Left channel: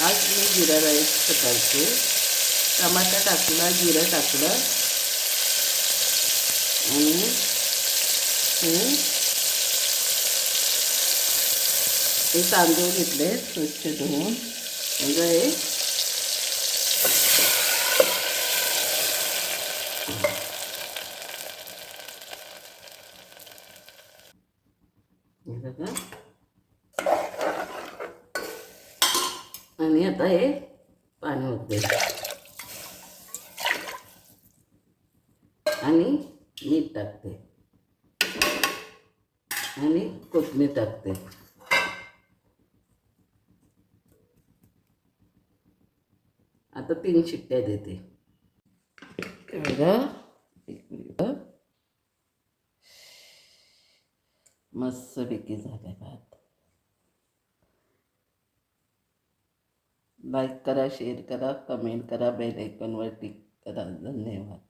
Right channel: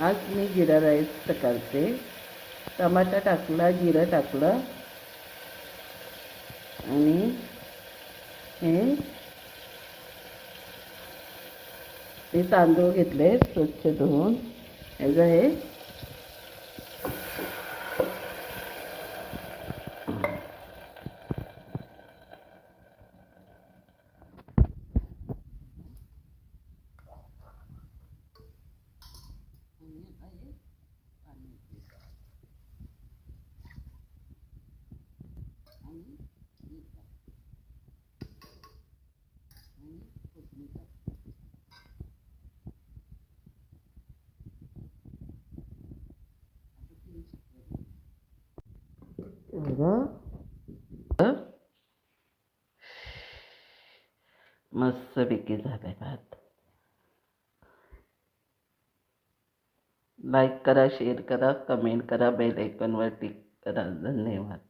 आज मी जिरा राईस करते. टमाटा टाकला, जिरं टाकलं आणि हे तांदूळ घेतले स्वच्छ धुवून. याचं हे आणि आता हे पाणी होते आणि मीठ टाकते आणि कोथिंबीर टाकते. आता 3 शिट्ट्या देते. बघा मस्तपैकी झाले भात. लाईक करा, शेअर करा, कमेंट करा, बेल आयकॉनवर टिक करा. धन्यवाद.